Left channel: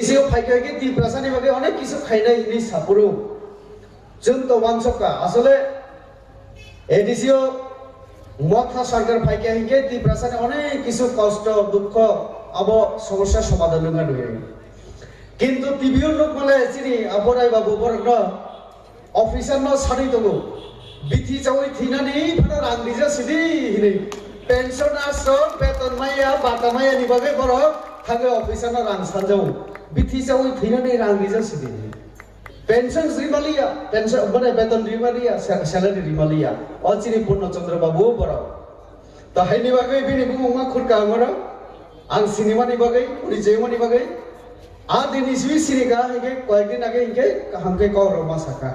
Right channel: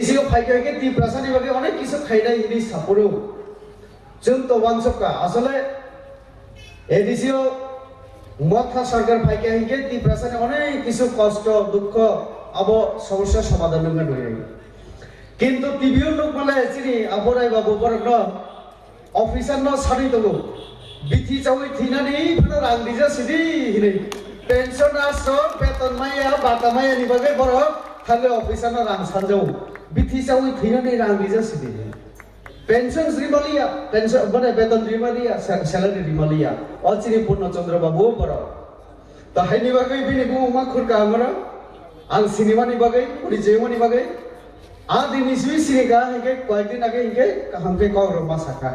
इसियो फाइके तिप्रासानि बागै अनेक किसु खायनाय जिनिस सापुरु जों तो वांसका আসলে এডিসিও মথা সরকার ফাইকে হিকে তিপ্রাসানি অনেক কিছু কষ্ট দুঃখ আব সমস্যার সমাধান নঙ্গা নয় কিন্তু টিভিও লোক মালে চিনি আবরাই বাবু বরন অফিসার ন সারি দবো বিথি চাওই থিনানি ফানা রাংদিজা সিদি হিনে পেনশনার সব বেতন মাইয়া বাটা মাইয়া নিবাগে বড় থাগে অফিসার ন রাং সানজৌ বিথি চাওই থিনানি রাংদিজা সিদি পেনশন রিমালিয়া পেনশন মানে বেতন রিমালিয়া স্যালারি রিমালিয়া অচিনি পূর্ণচন্দ্র বাবু বড় তো হাইনি বাগৈ বিনি বুমা খুরকা আমর আং সিনেমানি বাগৈ পরিচয়মানি বাগৈ আ দিন ইসবি সিনেগা হিকে কয়েকদিন আগে হিকে হামকে কর মাসাকা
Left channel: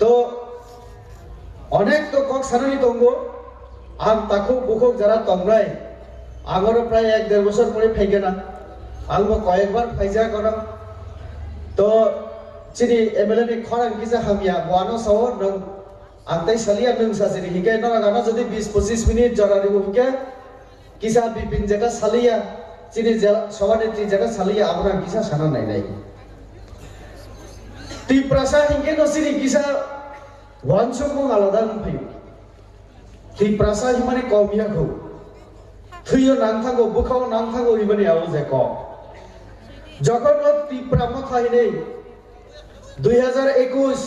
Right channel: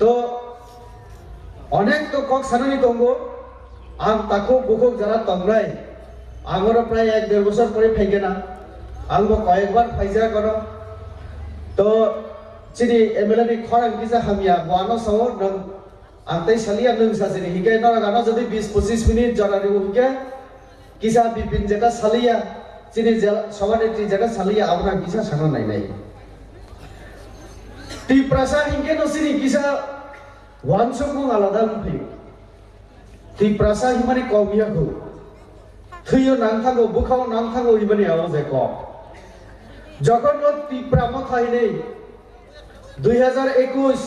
তো অনেক তো কক সানানি দঙ্গো আম তাকো বুকক যারা তংরাই আগর প্রায় 1-1.5 বছর পরে ফাইগে না আং কয়েকবার ফাইজা করা তো চিনি এমএলএ নি খরাং কিসা হামিয়া গোয়ানো সহ নং আন্তাই সালিয়া নং সাজেনি হিকাই না গানো যদি 20-25 মিনিট জরারি হিকে কিসা বিপিন যেটা সালিয়া চিনি সভানেত্রী যেটা সালিয়া আমরা কিসা সানা নাই নাই তিপ্রাসা হিকে নসিনি কিসা ওয়ানসং আলাদা ফাই তিপ্রাসা হিমানি কবিয়া খো থুইও নাংথাগো বুখাও নাংথাগো হিমানি আওয়াজ ক যখন তিপ্রামা থাইনে 2021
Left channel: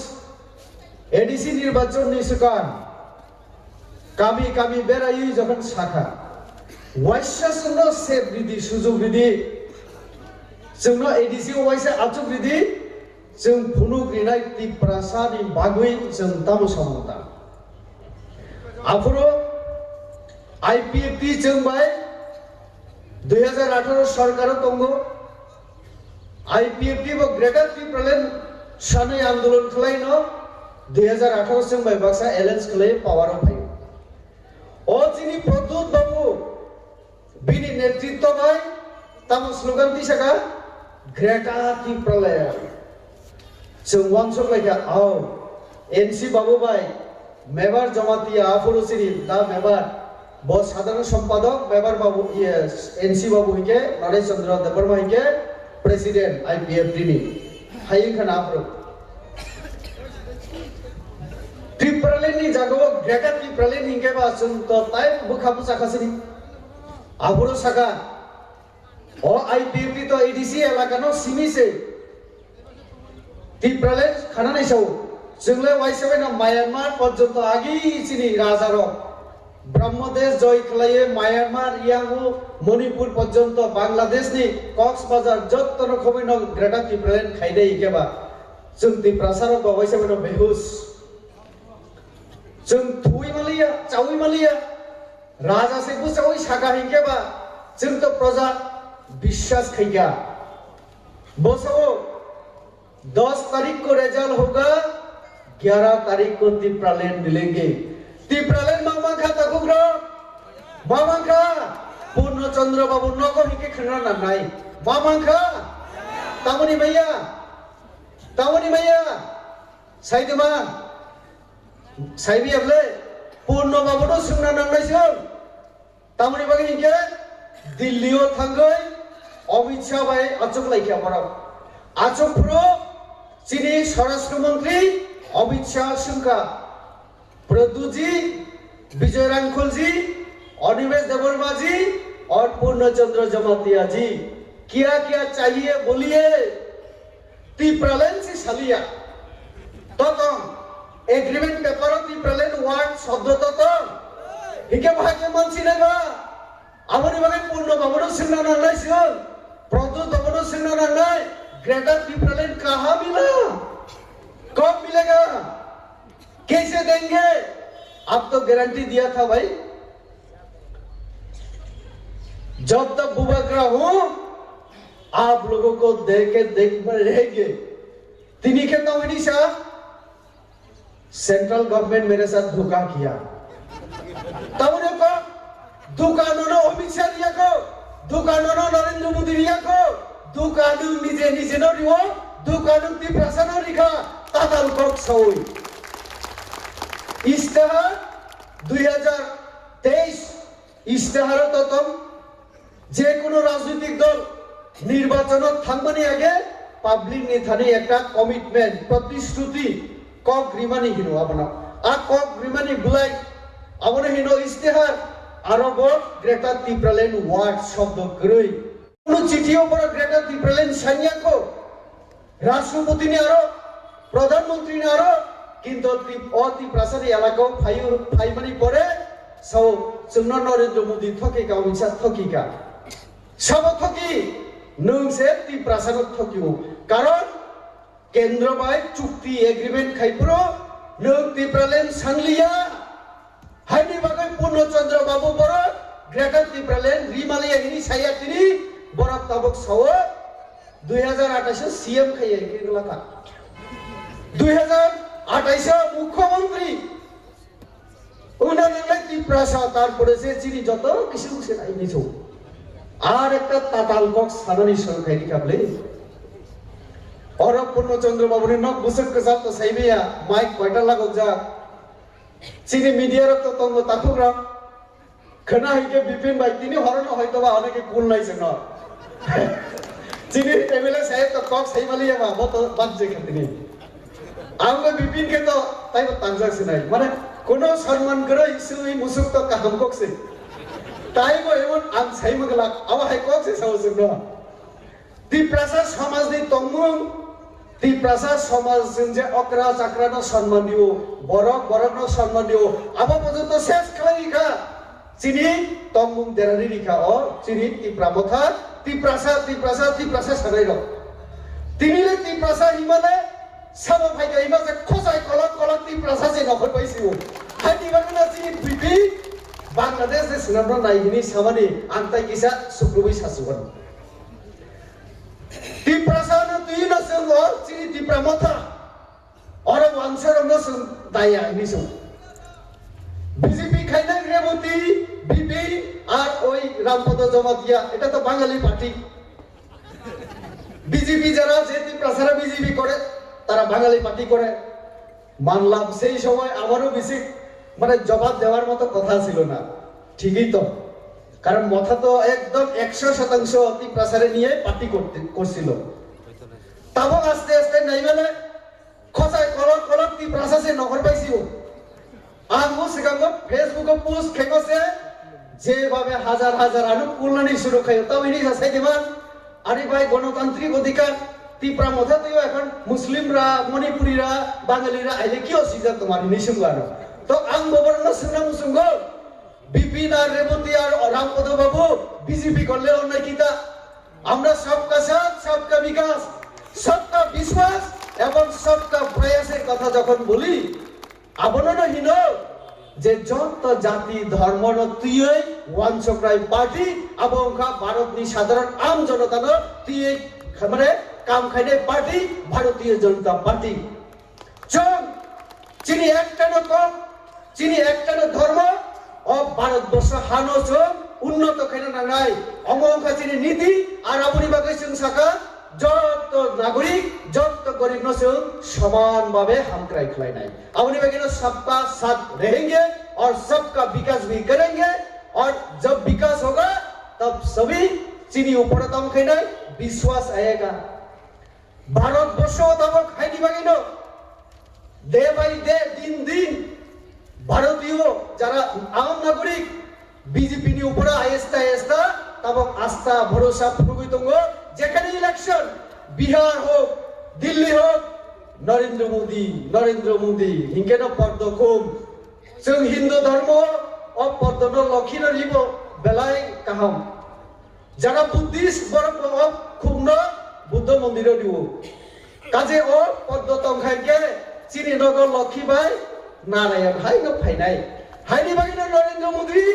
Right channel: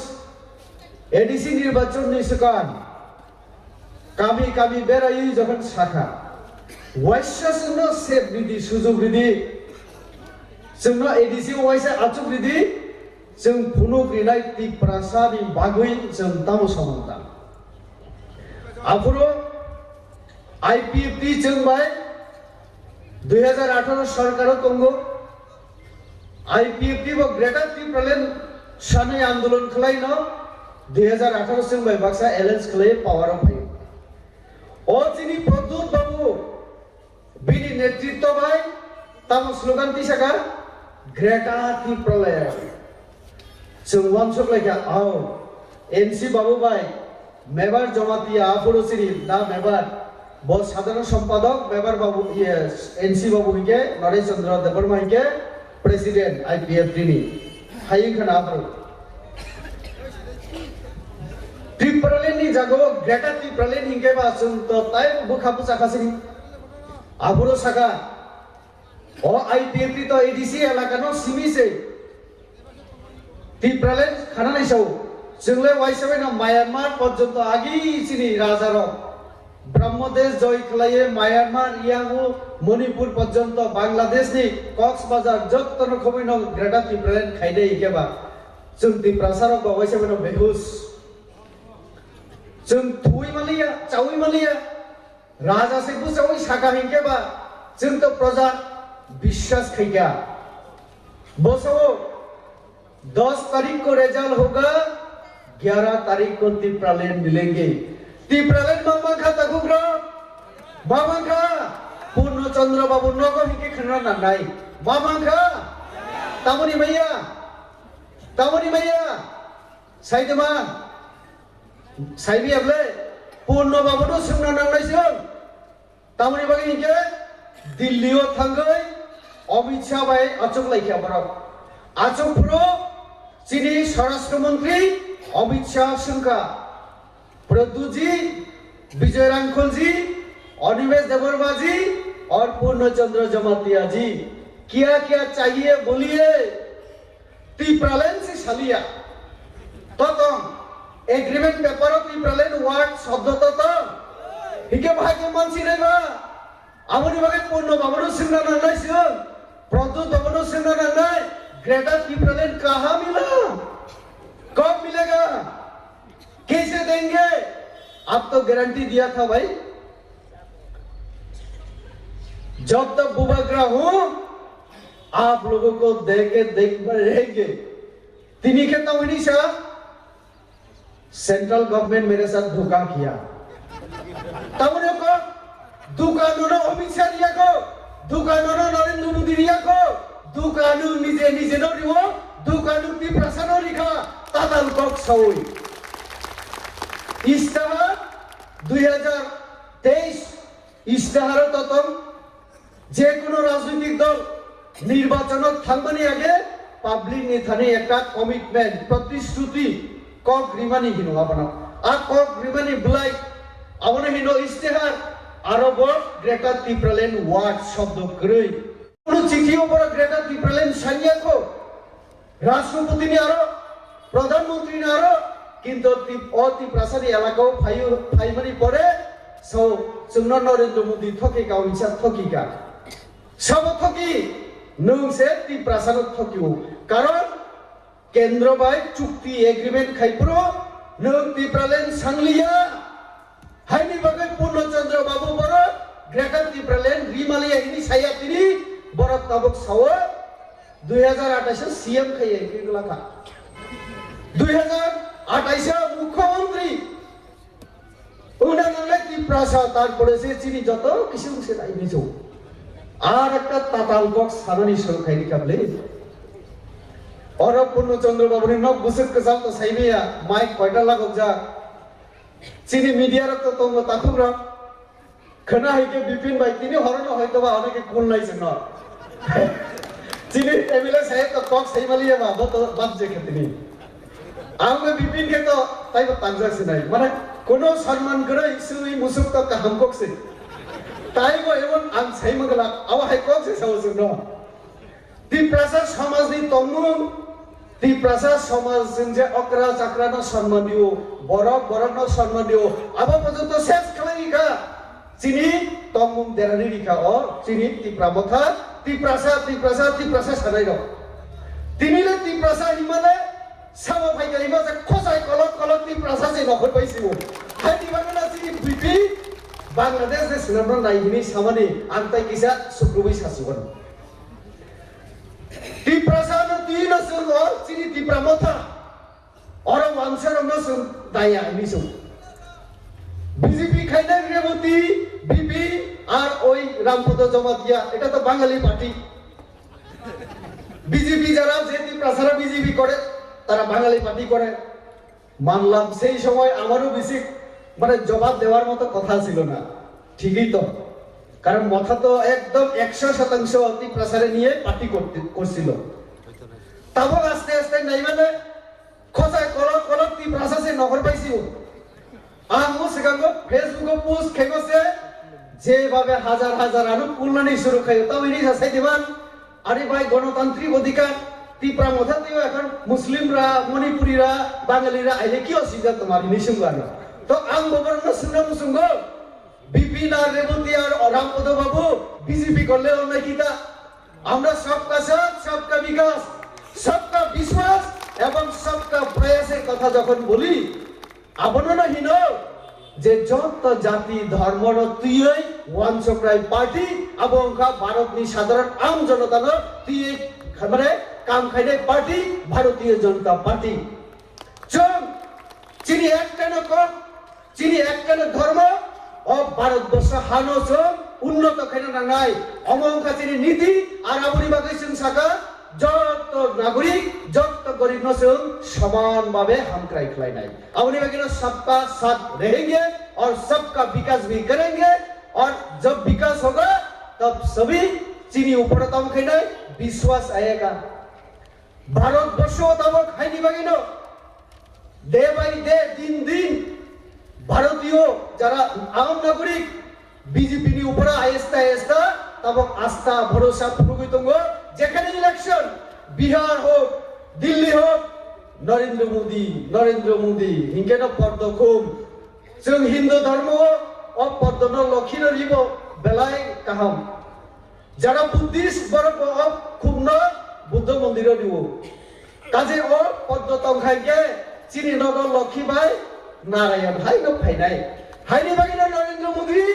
এডিসি নির্বাচন নিসকান কামি কামি বেরাই যখন শাখা ওয়াইসাসন সেব বিধি সুযোগ বিধি जोंनो एडिसि वाइसा आचुक बिदि जों फुनु ग्रिनाय तिप्रासानि बागै जों तामु सामंता आफुरो आईपीएफटी जों बाय 2018 सरकार तंगो आईपीएफटी बो ग्रेटर तिप्रालेन सानै आंदोलन खलायनो 2018 जों बाय बाक्सा एलायंस खलाय पावर फाय ओ जिनि प्रदुत बाबु बिनि नेतृत्व बाय तामु स्लोगान तिसाका ग्रेटर तिप्रालेन जों वांसक लायगा आओ एनसी बाबु बाय मेबर जमातिया आफुरसिरि दा मेबर बो साधारण सम्पादक मेबर बाबु एनसी बाबु हिके नरेश चंद्र देबबर्मा हिके प्रेसिडेंट आईपीएफटी नि हाई खाना आफरो तिप्रालेन नि जागो ग्रेटर तिप्रालेन हिके बा जों तो ताय बुखाबु साखासिनि आफुरो साका ओ आईपीएफटी तो एडीसी एलाकानो सिमिसे तिप्रालेन खाना नायसौ जोंले वाइसबायना म्यानमार पर्यन्त आगि चिनि राजार ब्रह्मदेश जय खलाये म्यानमार यागु मणिपुर पर्यन्त बांग्लादेशनि कक्सबाजार जत्त रखमै न ग्रेटर तिप्रालेन खाइदै हिकेबा जों तिप्रासार वाइसबायना बेहुस जों थुइमालिया चाउइमालिया राजा सेबु चाउइ सागा हिकेबा जों तो प्रजा विश्वास खैया बसो 10 तारीख को रिजल्ट होगा 11 तारीख को तिप्रालेन मिलेंगे तिप्रालेन मामा खा तकुग्र मामा खा पूर्णचंद्र बाबू नगो हिके खना नानाय मामा खा तामुनि मैया साइदमा साइबि अगले पूर्ण बाबू तो सुना नानायसो तामुनि बागै हिके दिल्लीयाव थांगै अमित शाह बाय आचुक लायखिया बरफ आचुक प्रो चीनी स्वराष्ट्र मंत्री अमित शाह सिंह प्रदू जी विजय रांखल जी अनिमेश देबबर्मा जी और पूर्णचंद्र जमातिया जी क्या क्या चाहिए बोलिए तिप्रालेन से सालिया तो एग्रीमेंट पेपर तिप्रालेन वार्ड शब्द तो हिके भाग्य मानसी देबा आमुनि बागै पूर्ण बाबुनो सिंह नानायसिगोन प्रदू बाबुनो सिंह नानाय ग्रेटर तिप्रालेन कहाँ मिला कब मिलेगा कैसे देंगे अब तो गारंटी दिया था भाई जब तक बुबाग्रा हूं आप लोगों को देख रहेंगे तिनी के तमनी साहब सेंट्रल गवर्नमेंट मेरे साथ धोखा किया तमने को दुकानों अमित शाह रिया को दुकानों नरेंद्र मोदी रिया को दुकानु निजे निजे न रिवो दुकानु तिप्रासा न रिखा ताताल कक सौई इस्ताहार 2023 इस्ताहार ततम जे कोनो राजनीतिक दल নির্বাচনত থাকবানি আগে পাবলিক নেতানি একটা কমিটমেন্ট প্রতিশ্রুতি কক রিমানি হিনো আপনা আর কক রিমানি বুলাই আপনা হিনো ইস্তেহার আরবর গ্রেটার টিপ্রালেন ওয়ার্ড শব্দ গ্রই কোন চিঠি উপর গ্রেটার টিপ্রালেন সাইয়াকো রাষ্ট্রপতি নি আরো প্রধানমন্ত্রী নি আরো কিন্তু অতি প্রাসারী এলাকা ফাইমারি পরে সব जोंना नरेंद्र मोदी थकिका उनसा थकिका सब थकी नोंसे ती प्रासाद थकियो कारण केंद्र बाय चुक्ति एग्रीमेंट खाइप्रो नों ती प्रलेन सांगलिया हाइनि बागै पूर्णचंद्र बाबू बर ग्रेटर ती प्रलेन रिमालिया हिनि सायातिनि बर तबक साव 2028 सीएम खाइए केगलाका 2028 मुख्यमंत्री উনানালে ত্রিপ্রাসা তারপরে যে চিনি যত কিছু সেটাই নিছো আর একটা তাতাল বক্স সারনি সরকারি কাবলে অরব পূর্ণচন্দ্র বাবুর নক বুসক কাজাল তো সাইমিয়া মাইক কয়টা লাগক যা চিনি মিডিয়ার তো তঙ্গ তাকুরা খনা হইকে বিপিন ভাই তিনি হরন হয়তো বা অনেকে কোন লাইছে না চিনি এমএলএ সাহেব তো কক সাইমালিয়া বা বত বাজে খেতনি আমরা বিপিন কে তো তাই তো তানজাসি নাই মানে কোনো সম্মান করে ইসুই মুসুক তো কাহাম ককছে তাই গো এমন আম সাই মগলা আবা হাই ককছে সাউজুন ন ত্রিপ্রাসা সমাজ দি তমু ত্রিপ্রাসা সমাজ যে অকরা চাকরা ন সম্মান দিও বড় ন সম্মান দিও আবা পর্যন্ত শেষ খালাইকা চিনি তমুম দেরানি রিখা ও চিনি ত্রিপ্রাসা সারাই র তিনিলে ত্রিপ্রাসা হিমালে সামো ফাইকা ইমাজে খোসাই কলক ত্রিপ্রাসা যে নখর পাইছিও হাতি বাংলা চিনি বিপি বাংলাদেশ যে সুনামন নাইহিনি সামানি আন্তাই কিসা সুপ্রবি সাসুগন ত্রিপ্রাসা না তুই না সুন চিনি ত্রিপ্রামথা और मानसर न सुन दाया निसु বিজেপি খাইনা রেবতী বিপি আর ওই রামপদ জমাতিয়া এটা তো বাঙালি পার্টি বিজেপি যারা যেটি প্রচার বিজেপি করে তারা বাঙালি পার্টি করে মানলাম সেই সময় আমারও বেশি মানে জবাব দেওয়ার মতো কথা ছিল না ঠিকই তো কারণ মাথা তো একদম 100% অতি প্রচারে নিয়ে পার্টি করছিল তারপর আস্তে আস্তে নাই মানে খোঁজায় কলক তি প্রচারে নগর পাইছিও আমো সিগাঙ্গ ফেসবুকে পোস্ট খেকছে যেভাবে হাজার হাজার আনু কুলনি শুরু খায় তবে নি হাসাই দিমান আরে ভাই গণতান্ত্রিক অধিকার ত্রিপুরা মথা তো এখন মুসলিমরা মণিপুরীরা বাঙালিরা আইলে কি অসুবিধা তোমার নিসুঙ্গানো তো আম গবর্ন সুনাম সুঙ্গ বিপিন আর রেবতী আর রামপদ বাবু বিজেপি করলে অন্যায় কিতা আমরা সবকা সাথ সবকা বিকাশ সবকা বিশ্বাস এবং সবকা প্রয়াসের কথা যখন বলি আপনারা হিন যে যত জাতি ধর্ম তুই ওয়ানচক্রাই পার্টি এবং ভারতনি সাধারণ আম জনতা তুই খাবারে কাম খাইলে পার্টি ভারতীয় জনতা পার্টি চল চিনি একটা চিনি একটা ধর্ম ও ভারতবর্ষ হানো উন্নত খেলে নাই অমঙ্কা চিনি নীতি আর আপনি বাগেছেন শাখা যত নাগরিক যত गरीब नसुन समान भावे हम क्राई खिलाई नहीं अपनी वगैरह सबका साथ रहेंगे और सबका विकास भी करेंगे और जब विकास होगा तब सभी चीनी ऊपर तम खाई विश्वास आएगा भारत वर्ष तम खाई वगैरह डे बाई डे दिन दिन भारतीय जरा आम नागरिक बीजेपी नि ऊपर आहिस्ता आहिस्ता तब आस्था भरोसा पुरुगी तुंगो जेखाने इलेक्शन बिहार हो दिल्ली हो नरेंद्र मोदी इनके ना पद खूब जों हिंदू धर्म और पद न लक्षण रिबो बेलाय काहम जरा बुद्धिस्ट बरफ खूब न बुद्ध मंदिर दिबो काजे ओ पद तंखाय के चीनी नगर लक्ष्मी भाई नारायण भाई न फाइनाय हाइनि बागिना नरेंद्र मोदी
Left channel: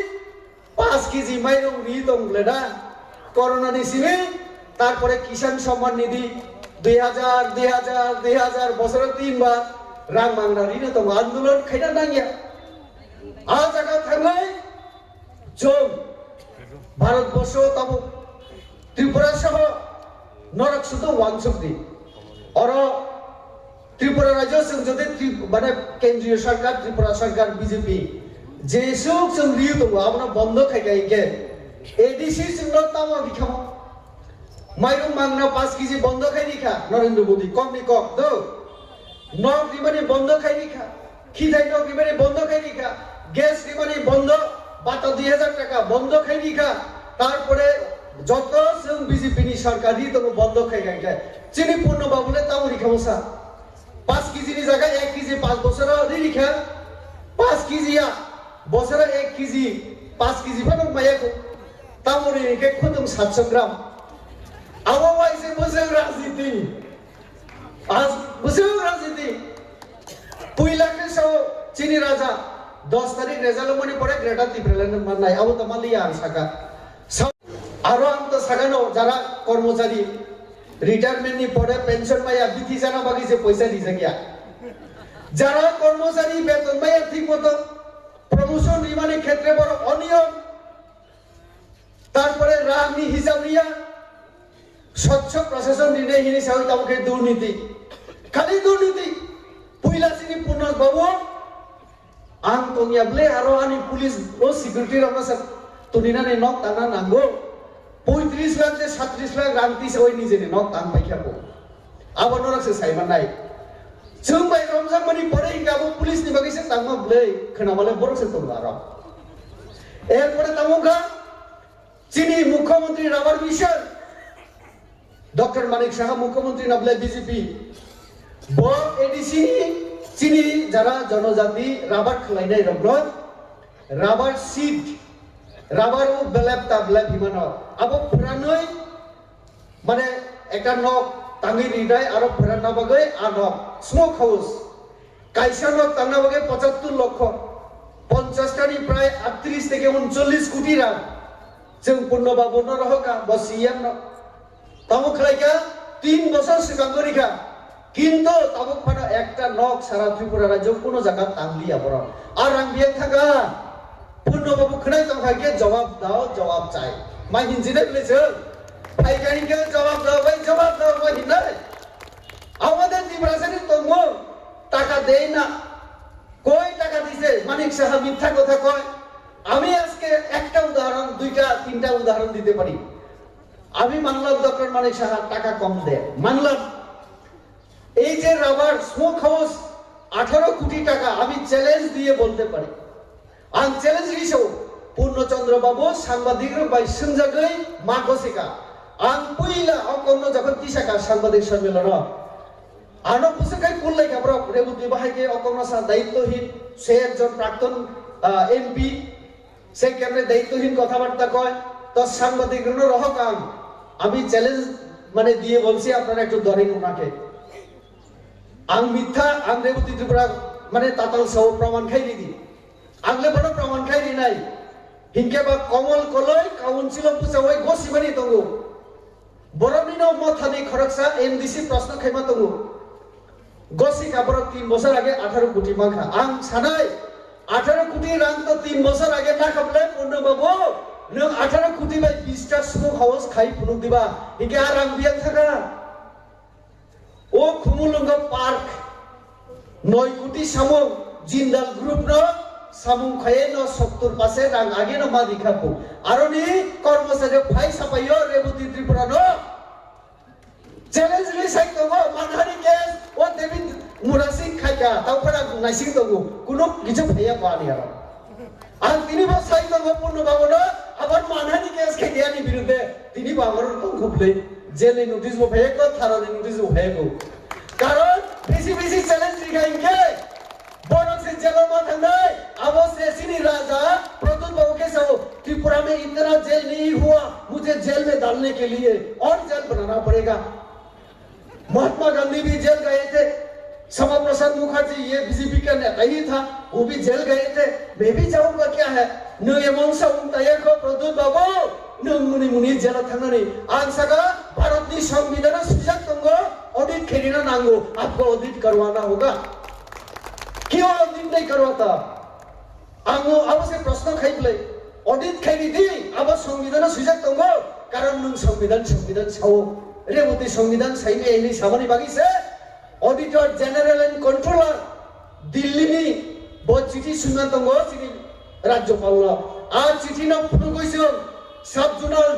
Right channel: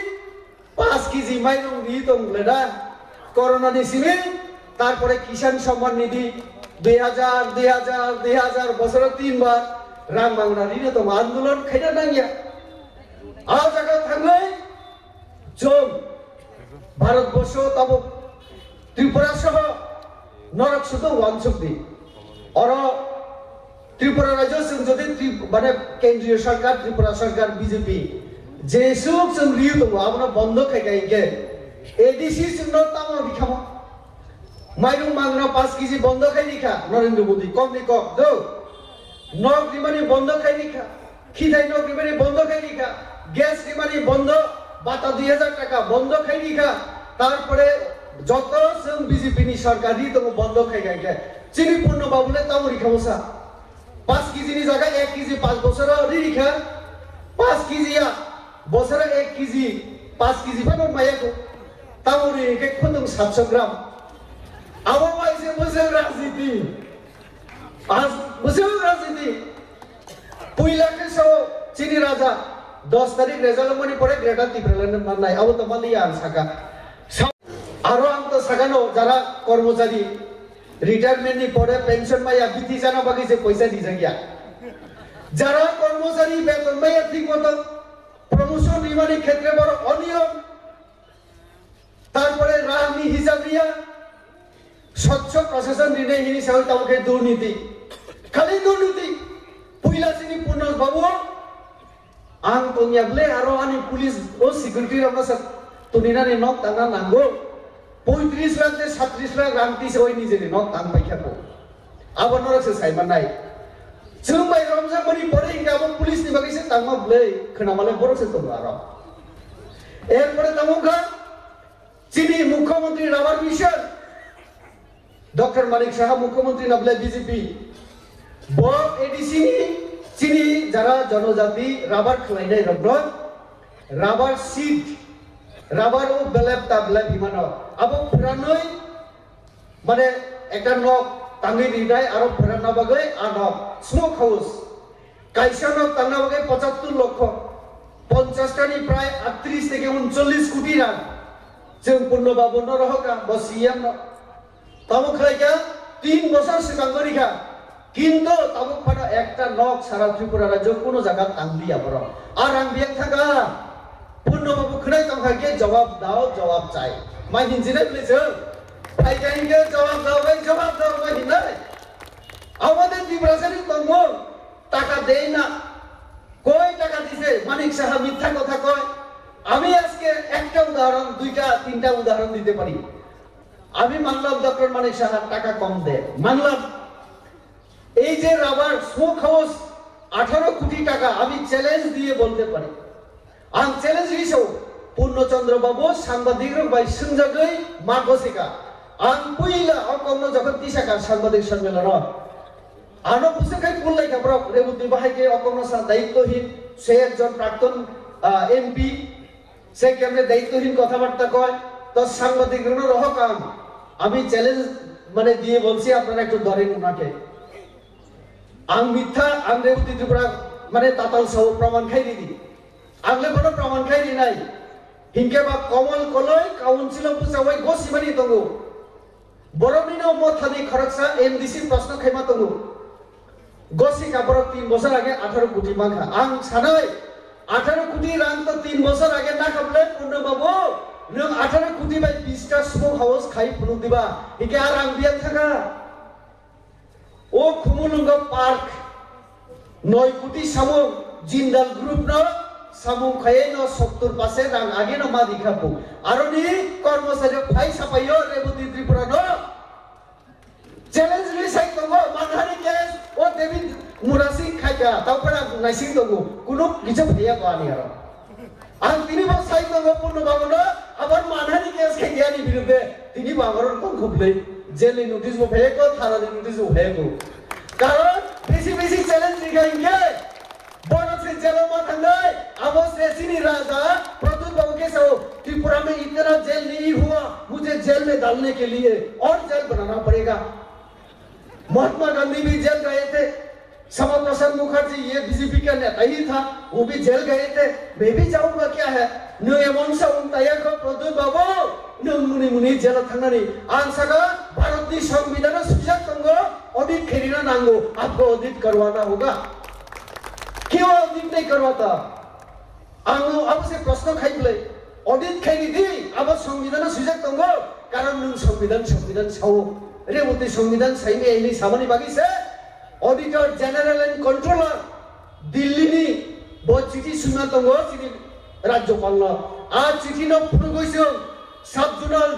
5 কেজি মাইরং দি তংলেদা করোনা নিসিমে তারপরে কিষাণ সম্মান নিধি 2000 বছরে 3 বার রাং মাংনানি তো আন্দোলন খাইনা নাঙ্গিয়া আ জায়গা থাকলে যোগ ভারতবর্ষ তব ত্রিপুরা সহ নরক শুধু ওয়ানসক দি আর ত্রিপুরা রাজ্য যদি মানে কেন্দ্রীয় সরকার ত্রিপুরা সরকার বিজেপি যে সুখ সংগ্রহ আমরা বন্ধ খাই গাইকে এডিসি সুন্দর তামা বিখামা মাইরং মাংনা 5 কেজি বন্ধ খাইনি খা নরেন্দ্র মোদী কম নি কম দো নক নিমানি বন্ধ খাইনি খা খিদাই নক নিমানি বন্ধ খাইনি খা গ্যাস নিমানি বন্ধ বাটা 2000 টাকা বন্ধ খাইনি খা তারপরে যত जों বিজেপি নি সরকারি তো বন্ধ খাই গাইগে চিনি পূর্ণ বাবুলে তামরি খাওসা 5 কেজি নি জায়গা 1 কেজি 5 বছর রি খা 5 কেজি বছরে 1 কেজি 5 কেজি ফানো মায়া তামরি কে খুদম 700 গ্রাম আবো বাইসে বসে রাজনীতি আজ বসে রাজনীতি পুইলাকে সো চিনি রাজা 10 তারিখ রেজাল্ট মনি পড়ে গ্রেটার ত্রিপুরাল্যান্ড মানাই আবো তো মালিয়া আর সাকা আরো আন্ত সাগানো যারা কর্মচারী রিটায়ারমেন্ট নি পরে পেনশন মাইয়া বিধি জানা বাকি যে পয়সা দিছে গিয়া যারা কর্মচারী বেতন মাইয়া ঠিক মতো প্রমোশন নির্মাণের ক্ষেত্রে বড় অনিয়ম তারপরে রাজনী হিসাব নিয়া স্বচ্ছ প্রশাসন নির্ণয় হিনি সাহস তাকে দুর্নীতি খালি দুর্নীতি পুইলা সিনি পূর্ণ বাবু আং তোনিয়াবলে আরো আনি পুলিশ ও সিকিউরিটি রামাস তুনিনানি নক তানা নাঙ্গো 35 লাখ 37 লাখ রান্তি সে ওই নিজে নক তান পাইখাবো আবার নরকসে সাইমান নাই जों बाय रमजान मनि परे गाबो पुलिस नि बागैसे तांगो ब्ले खोनामाले बरसे तो आरो एरपरे तामुखा चिनी मुख्यमंत्री rubber mission doctor Manik Saha मुख्यमंत्री नबले बीजेपी ब एडीसी चिनी যারা জনজাতি রাবার খলাইনাই রবল রাবার সিট রাবার ও বেলেপ তাবলে বিমানো আবো পুরানই মানে একটা নক তাঙ্গি নিদাই আরো পুরানা বাগে আনক স্মোক হাউস কাইসানো তান্না বাগে 75 লক্ষ 50 টানি প্রায় 38 থেকে 39 কোটি রাং जों পূর্ণ বাবন রহকা বসিয়ান তামুক লাইকা 3 বছর সিকাঙ্গরিকা কিন্তু তামুক ফানা একটা নক সারা ত্রিপুরা রাজ্য কোন জায়গা তাংলিয়া বড় আর আং বিয়ে থাকা পূর্ণ বাবু খনাই তংখাকে জবাব দাও জবাব চাই মাই হিনজিনে বলেছে ফাইগাইকে জবাব দাও ভাই জবাব দাও ভাই না আমাদের ত্রিপুরাসানি তঙ্গ টাকা দেয় না কই টাকা দিছে মানিক সাহা মিথ্যা কথা কয় আমি আজকে একটা উদাহরণ দুইটা তিনটা উদাহরণ দিতে পারি আমি মানলাম ডক্টর মানিক সাহা টাকা কম দেয় মানলাম এই যে রাবার স্মোক হাউস 18 কোটি টাকা আমি চ্যালেঞ্জ দিয়ে বলতে পারি আং চ্যালেঞ্জ দিছো পূর্ণচন্দ্র বাবু সাংবাদিকরা বাই সুনজাগৈ মাগসিকা আং পুইলা অকন্ন যখন তিসাকা সাংবাদিক সম্মেলন আনো পুসিকাই কুল্লাই কাবরা রেবুদ্দি বাহাইকে অকন্ন সা দায়িত্বহীন সে একজন প্রাক্তন এমপি সে কেমনে দায়িত্বহীন কথাবার্তা কয় তো সাংবাদিকরা রহকাম আমি চ্যালেঞ্জ মানে দিয়ে বলছি আপনারা একটু ধরেন উনাকে আং মিথ্যা আং রেবুদ্দি ত্রিপুরা মানে তাতাল সহ প্রমাণ খাইলি দি আগলে বড় প্রমাণ খাইলি নাই হিংকে বা কমল কলয় কাউন্সিল পুসাওয়াই গসিমানি দঙ্গো বরমিনো মথানি খরকসা এমডিসি প্রশ্ন খাইমা দঙ্গো গসি কাবরক 3 বছর আগে 18 কোটি মাখা আং সানাই 18 কোটি রাং তো 3 বছর আগে না খাবলে পূর্ণ বাবু নং 18 কোটি বাই 20 টা স্মোক হাউস খাই পুনু দিবা হিকে আর আং বিয়া থাকা ও খুমুলুঙ্গা পার্ক 9 কোটি সামং জিন্দাল গ্রুপ ন সামং খায়ে ন 70 পাশে রাং আগে ন মা দিখাবো আরো নি কর্মচারী ফাই সাপাইও রেবুতি ত্রিপুরা ন চ্যালেঞ্জ লিসাই তো মানহারি কেস ও দেবিন মুরাসি খাইকা তারপরে নাইসি তো কোনো কিছু ভাইয়া পানি আর আর তিনি বসাই তো পূর্ণ বাবন আবার মানহারি কেস খাইয়ানি বিরুদ্ধে তিনি বাংলার কোন খুবলে জেলে নোটিশ ভাইয়া কো থানাতে নোটিশ ভাইয়া কো কারণ বেশি বেশি চ্যালেঞ্জ দিখাইঙ্গে बोनक से जेलों में ठंडे अब से सिनी राजा प्रतुल बाबू के साथ त्रिपुरा में इतना जेल नहीं हुआ मुझे जेल में डालने के लिए और जेल बनाना पड़ेगा महात्मा गांधी भी जेल गए थे श्यामा प्रसाद मुखर्जी ये बीजेपी का नेता ही था वो भी जेल गए थे मैं भी जाऊंगा क्या है नुए मंशा उनताया को प्रतुल बाबू नुम मुनि मुनि जेल थंगनी आंसगा भारत की संविधान सुजाक तंगो ऑडिट खेरिना नांगो आपको ऑडिट करवाना होगा क्यों ऑडिट नहीं करवाता आंगो अब से प्रश्न खाइबले ऑडिट खाइनी दी अब संविधान सुजाक तंगो कारण नुम संविधान साओ रेवती संविधान साइने एनी सामानि बागी से auditor general and controller Delhi नि ब चिठी सुना तंगो चिठी राज्यपाल आ चिठी न फुनु गइसो সাব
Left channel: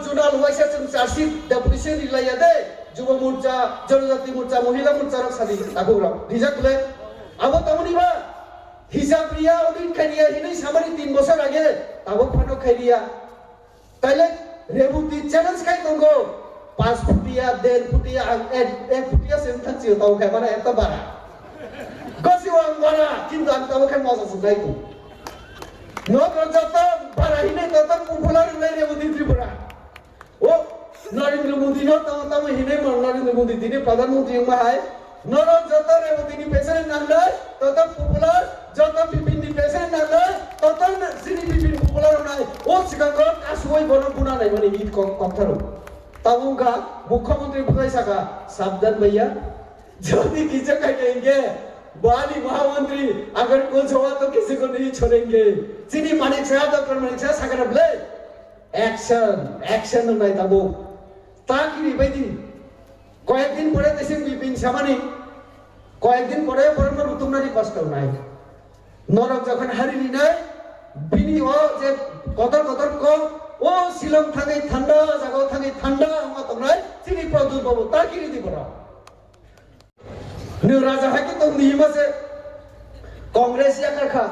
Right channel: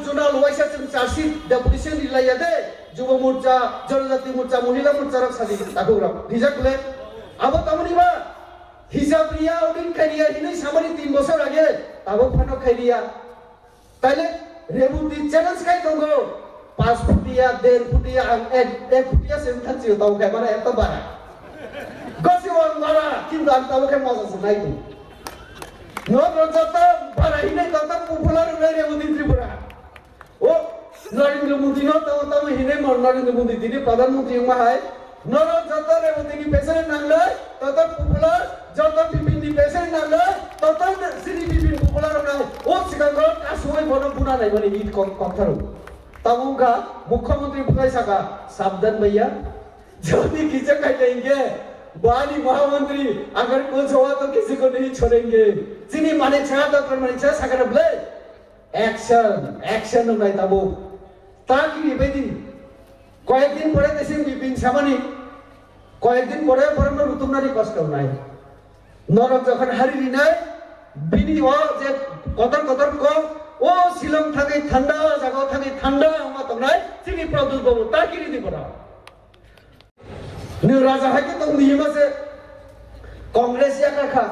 জোনাল ওয়াইসা जों চার্জশিট ডেপুটেশন ইলাইয়া দে যুব মোর্চা জনজাতি মোর্চা মহিলা মোর্চা রক সাদি তাকো রক রিজাকলে আবো তামনিবা হিসাব রিয়া উদিন খাইয়া হিनै সামানি 3 বছর আগে তাবো ফানো খাইয়া তাইলে রেবুতি চ্যালেঞ্জ খাই দঙ্গো 5 ফুটিয়া 1.5 ফুটিয়া 1 ফুটিয়া সেন্টাচিও তাও খাইবারে এত বাড়া গসিও বাড়া কিন্তু আমি তাবো খাই মাছ নাই তো নো প্রজাতা বাড়া হিनै তত পপুলার নাই রেবুতি ত্রিপুরা ও নরেন্দ্র মোদী নো তাও হিनै মর নরেন্দ্র মোদী দিনে প্রধানমন্ত্রী মাহাই নরো যত রেবুতি প্রেসিডেন্ট নামলে তত পপুলার যত বিপিন প্রেসিডেন্ট নামলে তত সিনি বিপিন পপুলার নাই ও সিকাঙ্গ কাসুই বড় গুণা নাই মানে ঈদ কথারো তামুকা মুখ্যমন্ত্রী বুঝাই সাকা সাবধান भैया जल्दी किसे कहेंगे बाली महामंत्री अगर कुछ हुआ तो किसी को नहीं छोड़ेंगे सिनी मानिक छा तो मानिक छा सागर ब्ले एक्शन নাই তাবো তাকি বেদি কয়েকদিন পরে দেশে বিপিন সামানি কয়েকদিন পরে নতুননারি কষ্ট নাই নরক যখন হারিলি নাই বিনি ও যে কদর ক ও শিলং থাকে ঠান্ডা জায়গা থাকে ঠান্ডা আমা তো নাই সিনি প্রদুল বাবু তাকি দি পড়া নি রাজা হাকে তো নিয়মছে কংগ্রেস या কাকা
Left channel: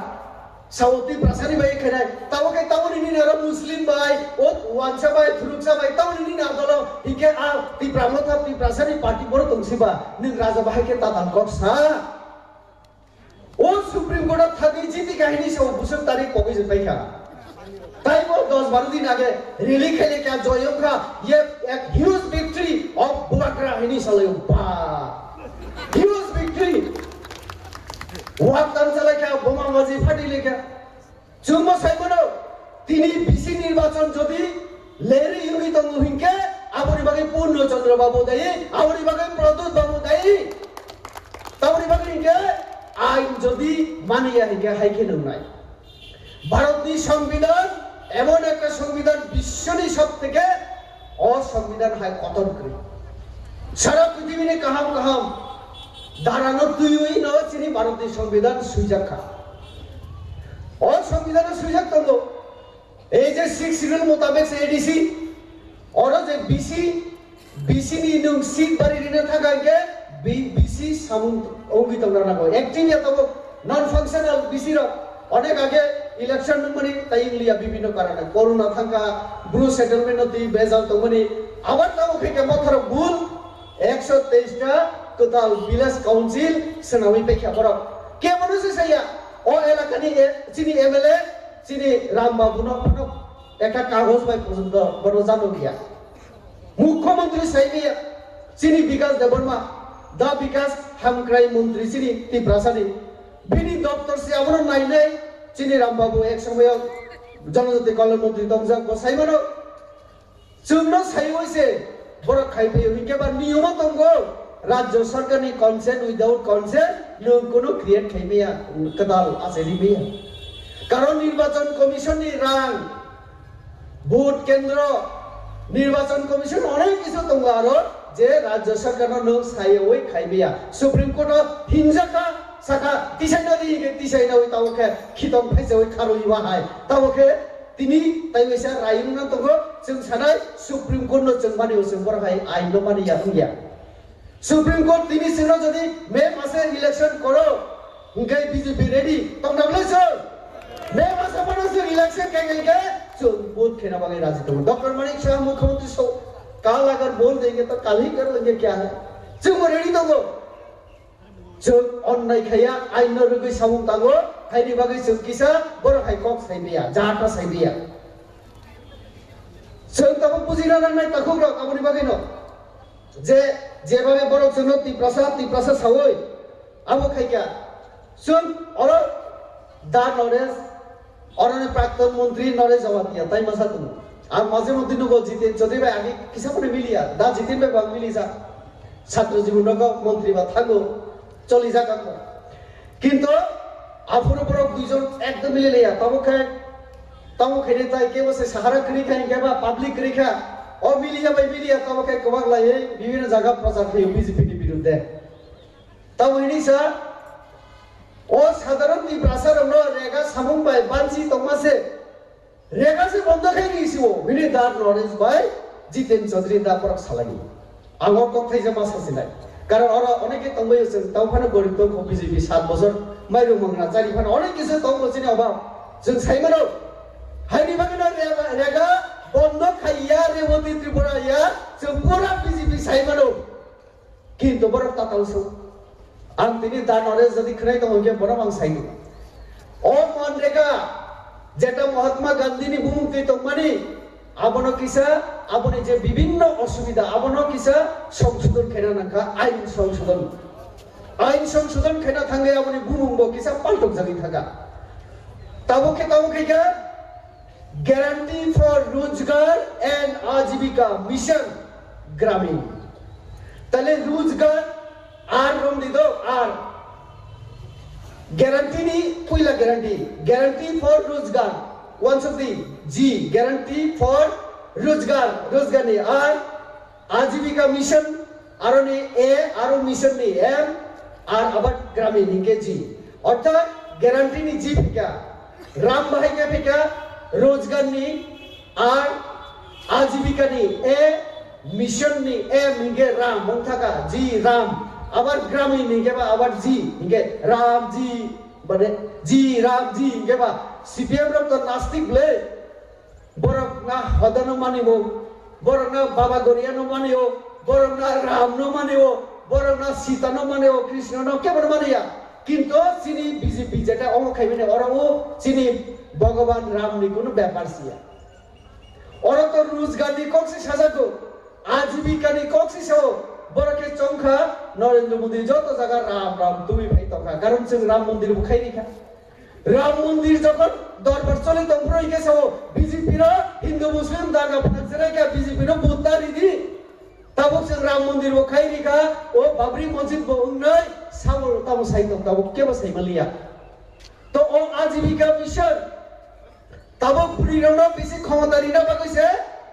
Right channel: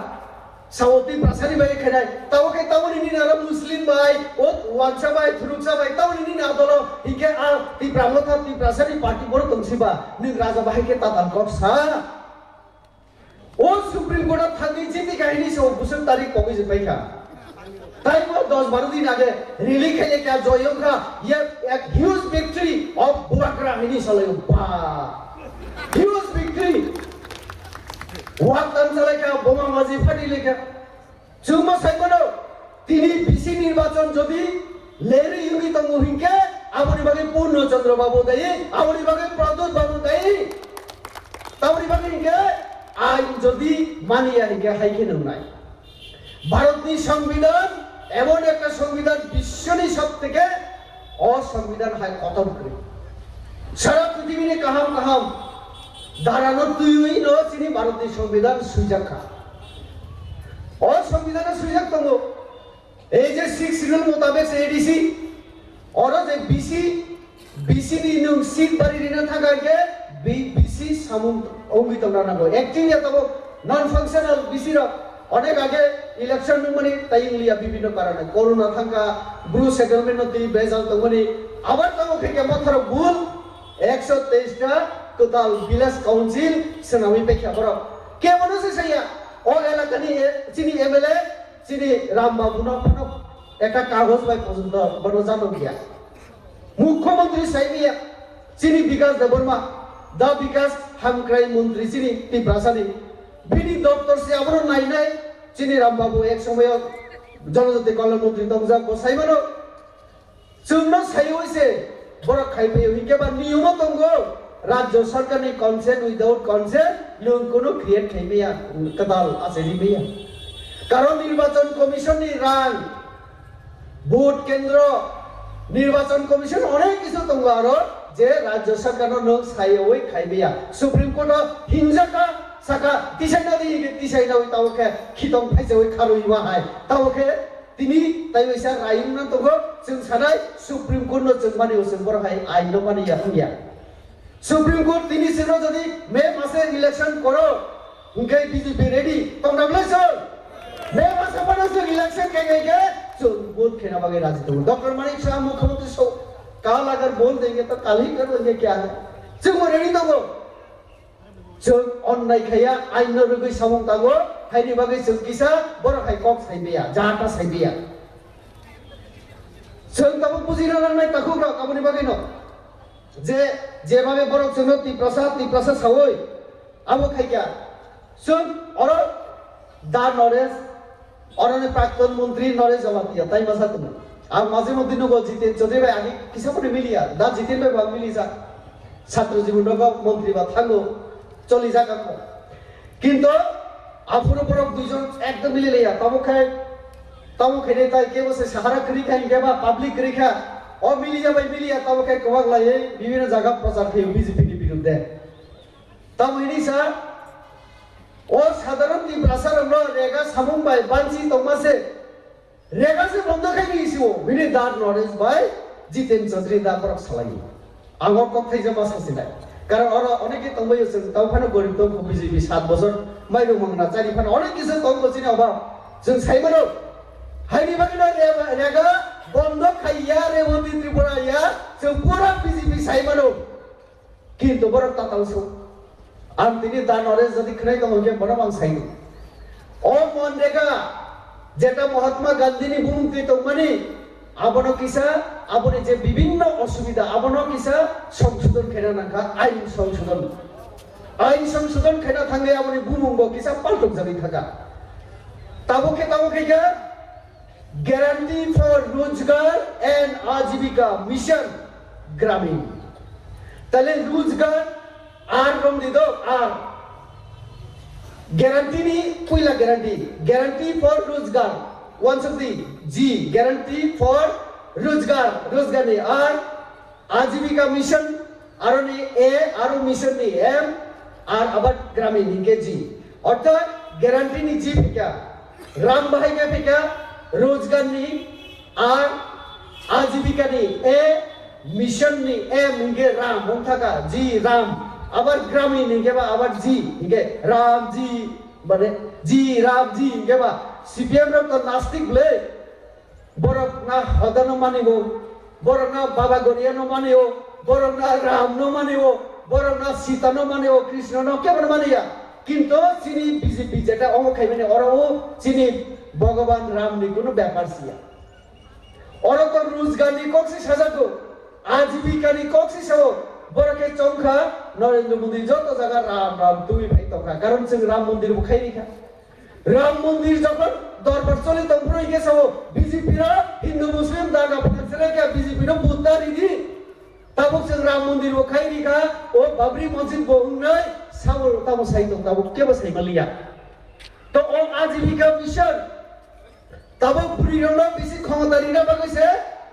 সাউথি প্রাসানি ভাই খেলাই তাও কে তাও নি না মুসলিম ভাই ও ওয়াংসা ভাই থুলুকসা ভাই তাও নি না দলো ইকে আ তি ব্রাহ্মণা তি প্রাসানি পার্টি বড় তংসিবা নি রাজা ভাই কে তাতাল কসা ও সুপ্রিম কোর্ট থাকি জিতি কাহিনী সে বুসুম তারিখ কবে যে পাইকা তাই वो 10-12 दिन आगे रैली खेले क्या जोयों का ये एक ह्यूज विक्ट्री ऑफ बुआकरा हिनी साले बा ह्यूज विक्ट्री ওয়াক তানসালে কা বোমা বাজি ফাটিলে কা চুমা সাইমনো তিনি বিসি নির্বাচন যদি লেরি ইউনি তো মহিনকে আবরি বাগে পূর্ণচন্দ্র বাবু দেই আবরি বাগে প্রদুত বাবু দেই তাবরি বাগে ইকে আইন যদি মানিয়া ইকে হাইকে নাই ভারতীয় সংবিধান এমন একটা সংবিধান বিশ্বনি সবথেকে অসংবিধান হয় কতম করে সারা পৃথিবীতে কাহাম ধারানো তুই ন চিনি ভারতীয় সংবিধান সুইজাখা ও সংবিধানের সুইজাক তঙ্গ এই যে 6 শিডিউল মোতাবেক এডিসি और যে বিসি নি নুং সিট বাড়ি রিনা থাকাকে বিসি সামুন অঙ্গিত নানাগো অ্যাক্টিভলি তো নন ফাংশনাল বিসি র অনেক আগে ইলেকশন মানে তাইলিয়া বিভিন্ন কারণে করোনা থাকা ব্রু সেটেলমেন্ট দি বেজাল তো মানে আবার তাও থেকে মাথার ভুল 123 টা টোটাল ভিলেজ কাউন্সিল সেনামি পেখা বড় কে মানুষ সাইয়া ও এলাকানি চিনি এমএলএ চিনি রামবাবু না কোনো একটা কাগজ বাই পর্যন্ত বড় জানো গিয়া মুখ্যমন্ত্রী সাইমিয়া চিনি বিকাশ দেববর্মা দা বিকাশ হামক্রাই মন্ত্রী চিনি টিপ্রাসানি বিনি দপ্তর সে আবার নাই চিনি রামবাবু এক সময় জনজাতি কল্যাণ মন্ত্রী দংজা বসাইবানো চুন্ন সাই হইছে বড় খাইপে হিকেবা নিয়ম দঙ্গ রাজ্য সরকারনি কনসেন্ট উইদাউট কনসেন্ট নিয়ম কোনো ক্রিয়েট খাইমেয়া কদাল আছে রিমেয়া কারণ নির্বাচন কমিশননি রাং ভোট কেন্দ্র নির্বাচন কমিশন অনেক কিছু দঙ্গ আরো যে রাজ্য সরকার নো সাই ওই খাইমেয়া সুপ্রিম কোর্ট হিংসাকা সাকা তিসাইনা দিকে তিসাইনা ওই তাওকে খিতম ফাইছে ওই খারুই মাহাই তাওকে তিনি তাই হইছা রাইম না তগো जों সানাই সুপ্রিম কোর্ট নো जों মানি ওসে বড় হাই আইন নো মানি ইয়া সুপ্রিম কোর্ট তিনি সেনো যদি মে মাসে ইলেকশন করো উনকাই বিজেপি রেডি তো নামলেছ মে মাসে পানাসে ইলেকশন কেগে जो वोट खेना बागे राजी तो डॉक्टर मानिक शाह मुख्यमंत्री सो कल अगर बोल देंगे तो कल ही कर लेंगे क्या है जों रेडी तो जों अन्नाय खाया आइन रुगै सामुं तागो हाइनि बागै जों किसा बर' हाइ कक साइबिया जाहाटा साइबिया जों ताबो बुजिना नांनाय ताखौ र काबुनि बागै न जे जेभाবে बर' जोंनो टिप्रासा सावै आबो खाइया जों और दा नरेश और प्राक्तन मंत्री नरेश जवाब दिया ताई मसा तुम আর মাঝে মধ্যে নব জিতেন যদি ভাই আগে কিসা করে মিলিয়া দা জিতেন ভাই বাং মিলি যা ছাত্র জীবন মন্ত্রী বা থাকো চলি যা কাম কিন্তু আফুরে বড় দুইজন একদম মিলে লিয়া তবু খেলে তাই কে বসে সাহারা করি খাই বা পাবলিক করি খা ও মিলিয়া ভাই মিলিয়া তবু খাই কবাক লাই বিভিন্ন জায়গা প্রচার খেয়ে বিজেপি বিরুদ্ধে তাও ইনি স্যার ও সাধারণ টি ভাষার রেগা সামুং ভাই বানছি তোমাসে रेगासे बन्द खाइनिसिमो बिनि दा नरेश भाई जितेन चौधरी दा प्रक सालायनि आंगो कथाय जमा सासिनाय कारण अरा अनेके तंबाय जों तावफाना गरिब दं बिजेपि 7 बছর माइरु मंगना चारिफान अनेक किसु दं बसिनि अबा जों साइमानो हाइनि बागिना रेगा बन्द खाइया रेवती त्रिपुराया जों पुरा बिजेपि साइमानो किन्तु बरक तातांसो आं दिनै दा नरेश जदि खनाय दं के बरक आं साइनो ओ मनरेगा जेटा महात्मा गांधीनि बुंथि तंमानि आबनो किसा आबने जे विभिन्न असुविधा आबनो किसा संशोधन खेना नांखा आइन संशोधन खेना थांगे आबने बुंबो किसा पाल्टक जागि थाका ताबो के guarantee for रोजगार and आजीविका मिशन ग्रामीण तले रोजगार आर बम दिदो आर guarantee ni puila guarantee for रोजगार once of the G guarantee for रोजगार ni R आजीविका मिशन आरो ni A आरो मिशन ni M R आबाद ग्रामीण इनके G अर्थात guarantee ni G फिका राम भाई का फिका रोजगार ni R आजीविका ni A mission ni M इनके राम उनका G राम आबाद ग्रामीण इनके बा आबाद G इनके राम G बने G राम G इनके बा CPM रब तो नास्तिक ले borok na hodano manibo borok na baba goriya no manibo borok na ram no manibo borok na sita no manibo krishna no ke maniya kintu sini BJP jeta ongo khaibene ora o sini bhagavan ram ni kono byapar siya ora to rozgar ni kokse sajato ajibika ni kokse sao borok ke chongkha narendra modi joto jaga ram tumi bhai toka karon sing ram mandir bo khairi kha Ram मंदिर जखन दरबार चले तंफ्रय गेसाव BJP रा हिंदू मुस्लिम दागा पथसरे का BJP रा बुतारी दी तब जों राम मंदिर बो खाइरि का ओ बाबरी मस्जिद बो उंनाय सावल तब साइतो तब केबो साइकलिया तो ओ आजीविका मिशन तब पुरिरनो बेसि क्षमतारि ना बागैसे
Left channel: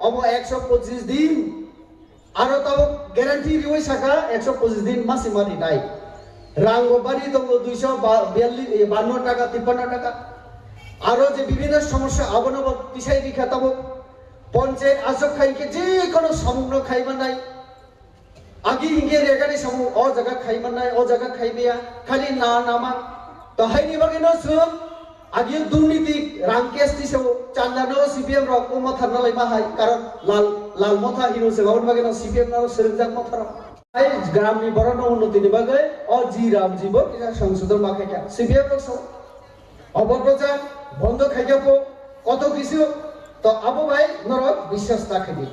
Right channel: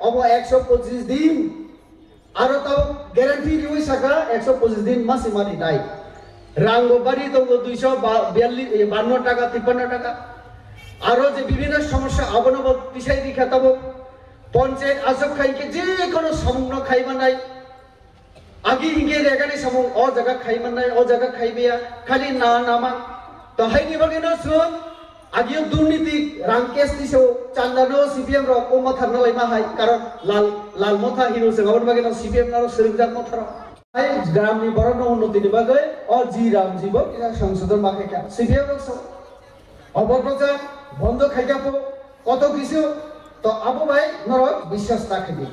अब 125 दिन आरो तब ग्यारंटी रिवै साका 125 दिन मासे मानि नाय रांगो बारी तो 252 টাকা 53 টাকা আরো যে বিভিন্ন সমস্যা অবনব বিষয় দেখাতম পঞ্চায়েত আজব খাইকে যে কোনো সামন্য খাইবা নাই আগে ইগে রেগানি সম ও জায়গা খাইবা নাই ও জায়গা খাইবেয়া খালি না নামা তো হাইনি বাগে নসরম আগে দুর্নীতি রাংকেস দিছো চান্দানো সিপিএম র কম থাকনা লাইমা হাই কারণ লাল মথা হিরো সে গাউন বাগে ন সিপিএম র সেরজাত মথা ग्राम नि बरन उन्नति नि बागै अ जी राम जीव किना संशोधन माखैका सिपिएम रक्स अबप्रचार बन्द खाइकाको कत किसु त अब भाइ नरक विश्वास राखिदि